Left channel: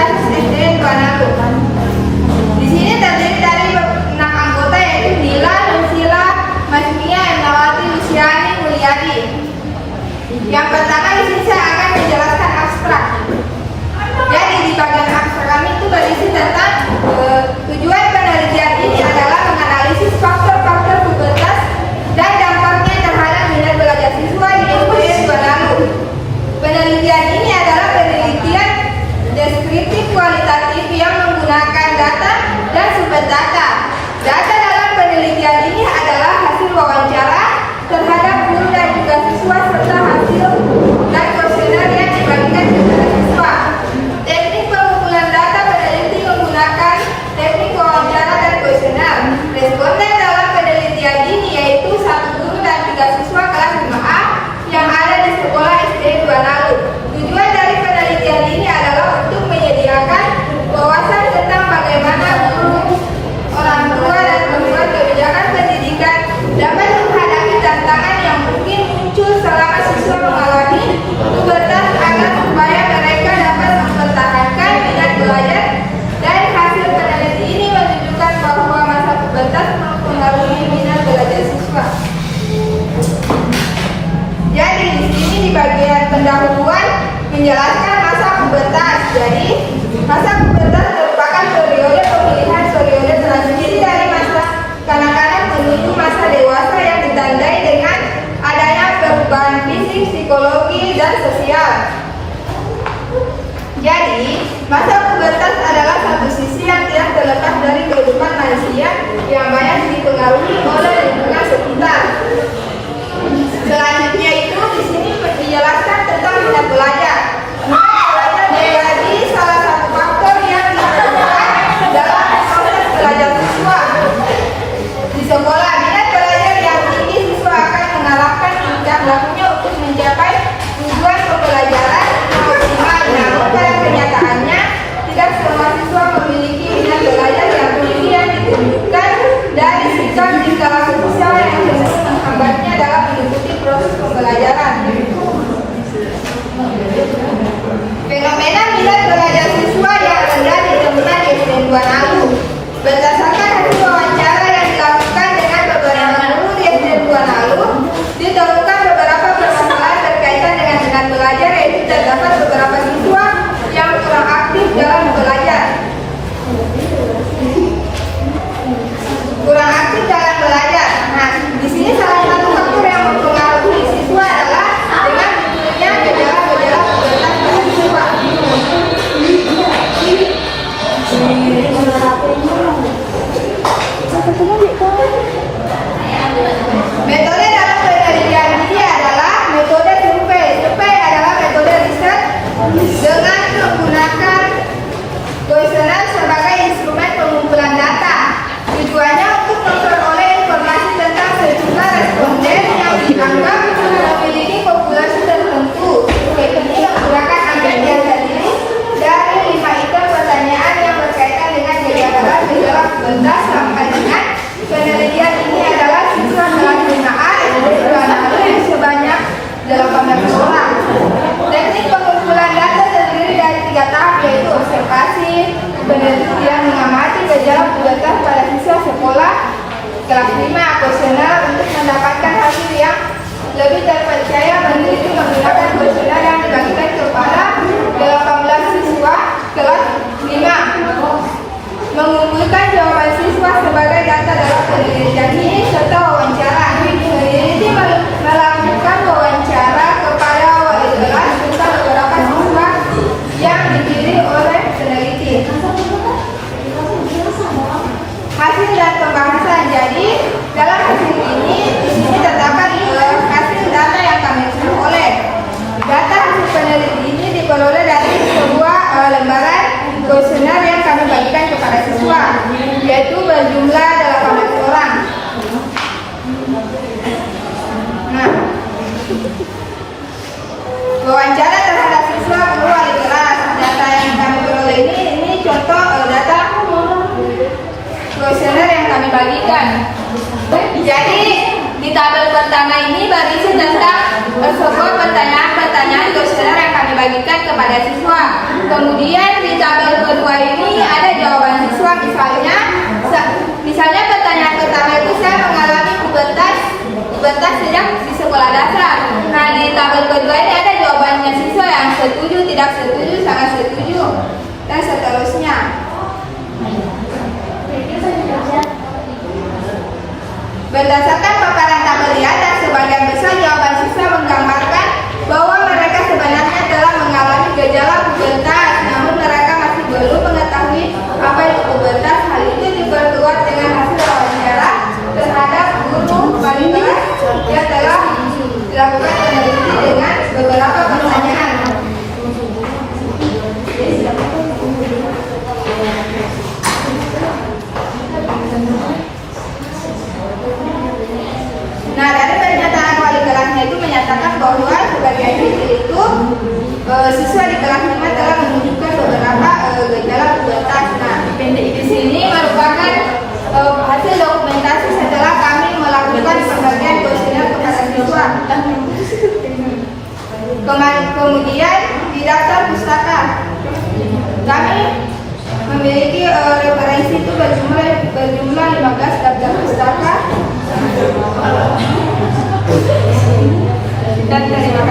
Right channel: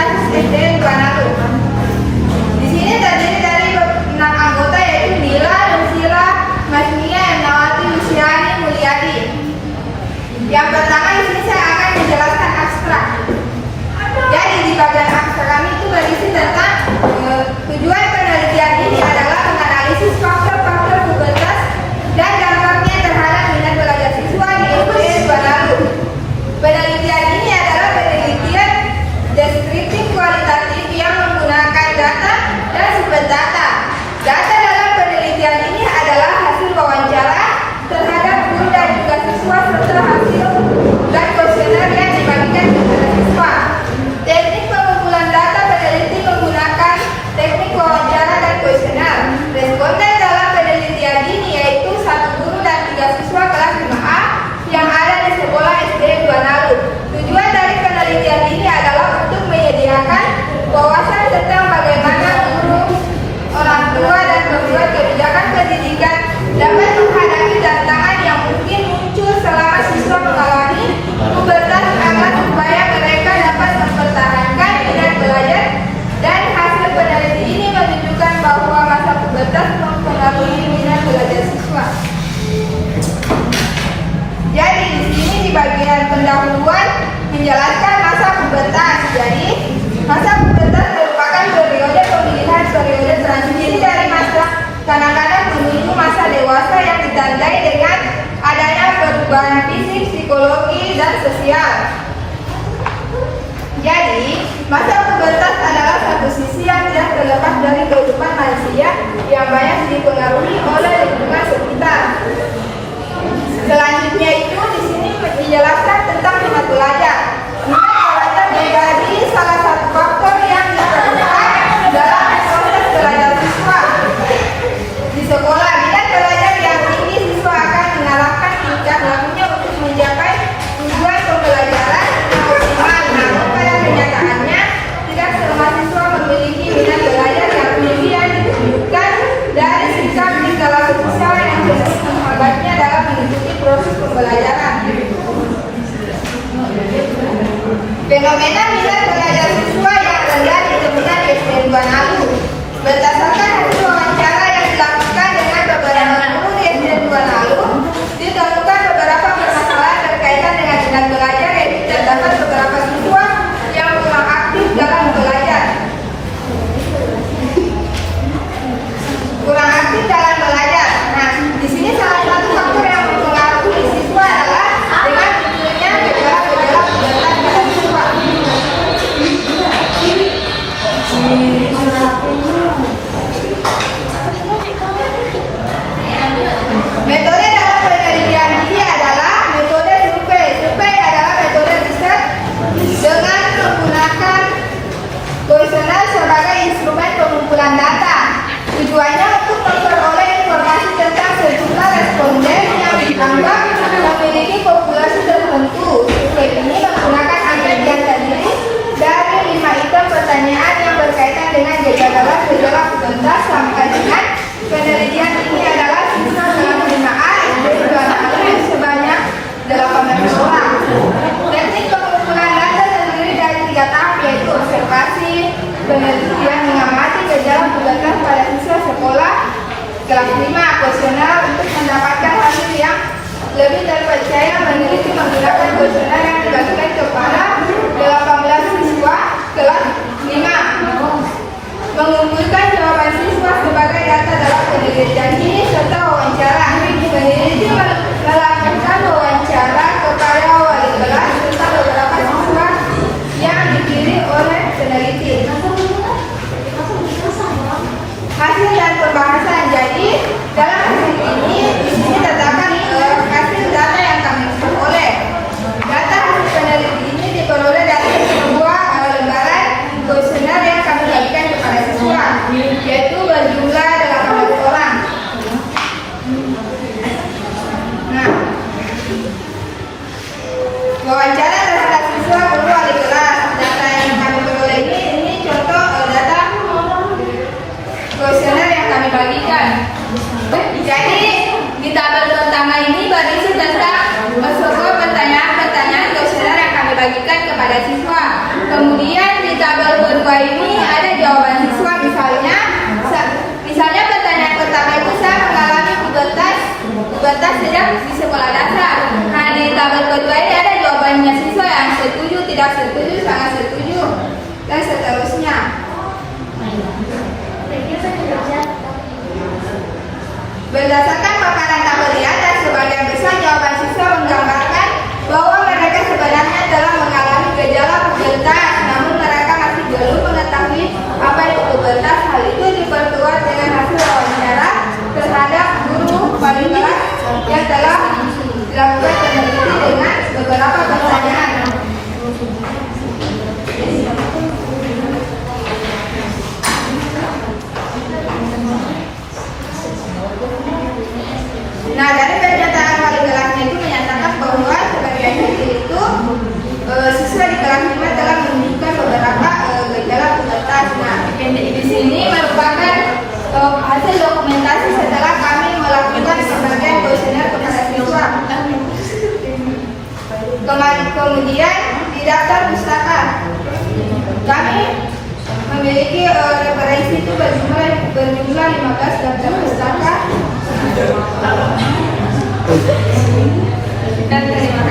Dasus SD Duanalu. Di sini terdiri dari 6 anggota yaitu Nila, Nusila, Masmia, Nawati, Luciani, Mulyadi. Yang pertama di sini saya akan menjelaskan abstrak. Jadi di bagian abstrak kami itu berisi tentang tujuan penelitian ini adalah menganalisis faktor-faktor pubertas dan dampaknya terhadap minat belajar siswa di SD Duanalu. Penelitian ini adalah penelitian deskriptif kualitatif yang menggunakan data dan sumber data. Data dalam penelitian ini adalah hasil wawancara terhadap guru dan juga siswa serta hasil dan kuesioner yang dibagikan kepada siswa. Teknik pengumpulan data peneliti menggunakan teknik wawancara dan kuesioner. Responden dalam penelitian ini yaitu 1 guru dan 3 siswa kelas 5A yang ada di sekolah SD Duanalu. Tujuan dari penelitian ini adalah untuk menyediakan wawasan tentang bagaimana guru, orang tua, dan pembuat kebijakan pendidikan dapat menghadapi tantangan yang mungkin muncul selama siswa mengalami pubertas agar supaya mereka dapat mempertahankan minat belajar. Dan hasil peneliti ini menunjukkan bahwa masa pubertas mempengaruhi minat belajar siswa. Jadi di sini di bagian pendahuluan menjelaskan masa pubertas. Jadi masa pubertas merupakan periode pemilihan periode transisi dari masa kanak-kanak menuju masa dewasa yang ditandai dengan adanya perubahan fisik, psikologi, dan sosial. Jadi masa pubertas adalah satu sisi yang tidak terlepas dari kehidupan manusia yang banyak dipengaruhi oleh lingkungan sekitar. Selanjutnya itu di sini dijelaskan tentang minat belajar. Minat belajar menjadi salah satu faktor yang diperlukan dalam proses belajar siswa. Di sekolah, minat belajar yang tinggi siswa akan mengarahkan tingkah lakunya untuk mencapai tujuan pembelajaran maksimal. Namun pada kenyataannya tidak semua siswa memiliki minat belajar yang tinggi yang ditunjukkan dari sikap di skala sosial yang cenderung menghambatnya dalam mengikuti proses pembelajaran. Fenomena minat belajar siswa yang rendah ditemukan di SD Duanalu. Berdasarkan hasil wawancara yang dilakukan dengan beberapa guru di SD Duanalu, ditemukan beberapa permasalahan berkaitan dengan minat belajar, yaitu terdapat beberapa siswa yang kurang aktif dalam belajar. Kurang aktif dalam belajar. Nah, di sini salah satu faktor yang mempengaruhi siswa adalah dengan munculnya gejala-gejala pubertas pada siswa. Metode dalam penelitian ini adalah metode survei. Survei adalah metode riset dengan menggunakan kuesioner sebagai instrumen pengumpulan data. Tujuannya untuk memperoleh informasi tentang sejumlah responden yang dianggap memiliki populasi tertentu. Survei ini menggunakan ambil terdiri dari 5 item pertanyaan yang berkaitan dengan gejala pubertas. Sampai dengan penelitian ini adalah siswa kelas 5A SD Duanalu sebanyak 18 orang. Teknik pengumpulan data terdiri dari 3 tahap, yaitu observasi, penelitian mengamati gejala pubertas pada siswa sekolah kelas 5, kuesioner untuk mendapatkan hasil yang lebih terpercaya. Meneliti menggunakan kuesioner yang dibagikan kepada 18 siswa kelas 5. Mengumpulkan jawaban siswa sebagai data dalam penelitian ini serta wawancara. Peneliti melakukan wawancara kepada wali kelas serta beberapa siswa yang dipilih oleh peneliti. Hasil dan pembahasan. Jadi dalam hasil ini di sini terdapat hasil data yang kami peroleh. Data hasil peneliti ini diperoleh dari sebuah lembaran kuesioner yang kami bagikan kepada siswa, yaitu berjumlah 18 orang. Nah, wawancara terhadap siswa, guru, wali kelas. Data yang kami peroleh ini contoh data kuesioner yang kami bagikan. Jadi di tabel pertama ini berisi tentang sebuah pertanyaan kuesioner yang kami bagikan kepada siswa. Kemudian di tabel Berdasarkan paparan tabelian dan sebagian besar jawaban siswa menggambarkan bahwa mereka sebenarnya telah mengalami gejala pubertas, namun mereka masih belum mengetahui apa itu pubertas. Hal itu diperkuat dengan hasil wawancara terhadap guru wanita yang telah dilakukan penelitian dengan beberapa pertanyaan. Nah, dari pernyataan wali kelasnya itu menyatakan bahwa sebagian siswa itu siswa di kelas 5 telah menunjukkan beberapa gejala pubertas. Nah, di sini merupakan hasil dokumentasi setelah kami melakukan penghargaan kuesioner kepada siswa. Kemudian di daftar pustaka kami memiliki referensi itu berjumlah 15 daftar pustaka. Dan terima kasih.